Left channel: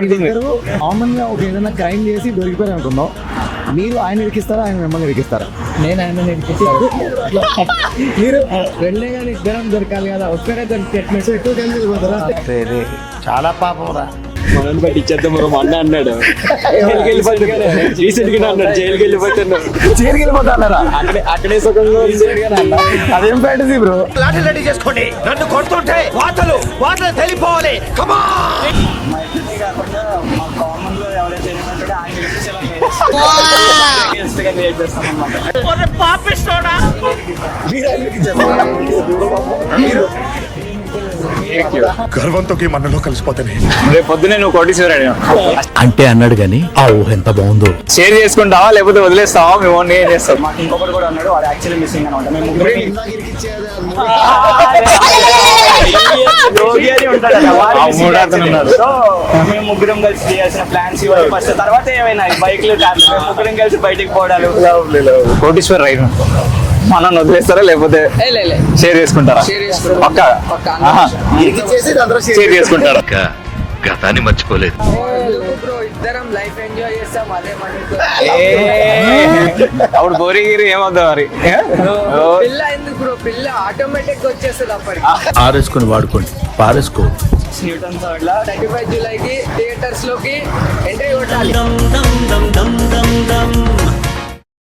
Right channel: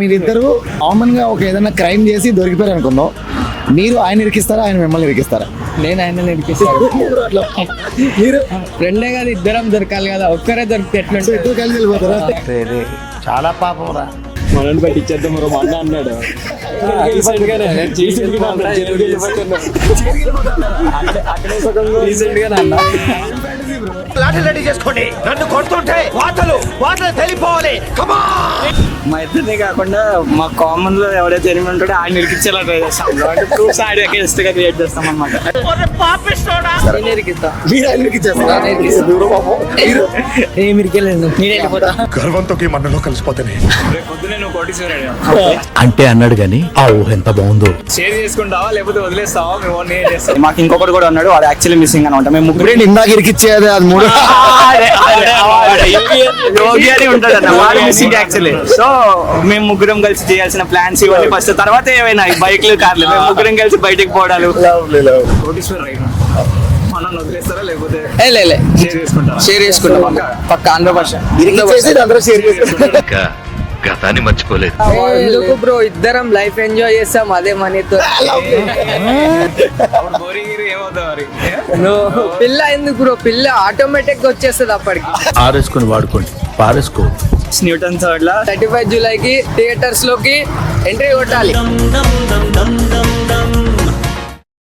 మీరిద్దరు కామన్ గా ఒక ఏదైనా క్రైమ్ చేసి దొరికిపోయారు అనుకుందాం, మీరు ఆయన ఇరికిస్తారా, ఆయన మిమ్మల్ని ఇరికిస్తారా? నేను ఆయన ఇరికిస్తాను. మీరు రెండే కదా, ఇద్దరం దొరకాలి కదా, ఒక్కరే దొరికితే ఎట్లా ఎక్కువ కలిసి వెళ్ళిపోతారా? చాలా పాపం రా. మనల్ని పట్టించేద్దాం. మా అన్న అన్నాడు జైలుకి వెళ్ళిపోతున్నా, రీసెంట్ గా అన్నాడు జైలుకి వెళ్ళిపోతున్నా. జైలుకి వెళ్ళిపోతారా? అక్కడే సగంలో అదేం ఫ్యాంటసీ బ్రో. లాఠీ రెడీ చేసుకోండి, నన్ను కొడుతుంటే వాతలు తెలిపోవాలి. మా ఇద్దరినే కాకుండా మా కామన్ లో ఎవరైతే ఎనిమిది ఉంటాడో ఆయన ఇరికించేలా ట్రై చేస్తాం. అగేన్స్ట్ గా క్రియేట్ చేస్తాం అన్నమాట. మీరు ఆయన ఇరికించేస్తారా? ఏమి ఇరికెళ్ళలేదు. గర్వంతో మనలో కలిసిపోతానే. రేపు పొద్దునే నువ్వు కోటీశ్వరుడు అంటే అన్నాడు గాని ఆ ఊహ ఎంత బాగుందో. షేర్ చేసుకుంటావా లేకపోతే వదిలేస్తావా? మేము ఓన్ చేస్తాం. మాకు ఇంకొకటి కూడా ఉన్నాడు, వాడు యాక్చువల్లీ మిస్సింగ్ అనమాట. మేము ముగ్గురు ఇందాక ఇరికిచ్చేది అది మూడు. సో మేము ముగ్గురం కలిసి చేయాల్సిన ప్లాన్స్ ఇవన్నీ ఫస్ట్, తర్వాత ఏమైనా బైక్లు కార్లు మేము ముగ్గురం కలిసి బయటకు పోవడాలు. కోటీశ్వర్ రైడ్ మనం వదిలేస్తారా లేకపోతే షేర్ చేసుకుంటారా? షేర్ చేసుకుంటాం పక్క ఇరికిచ్చేసి అందరూ షేర్ చేసుకుంటారా? గతాన్ని మర్చిపోలేదు. ఎందుకు బ్రో, ఇద్దరం లైఫ్ ఎంజాయ్ చేస్తాం అదే మనీతో. అప్పుడు బోరింగ్ ఏమవుతుంది మరి? పిల్ల ఎందుకు బ్రో, పిల్ల ఆటోమేటిక్ వచ్చేస్తుంది అప్పటికి. ఆరేసుకొని వాడుకోండి, పారేసుకో. న్యూటన్ అట్లా 35 జూలైకి థియేటర్స్ లోకి ఎంట్రీ కొట్టాలి.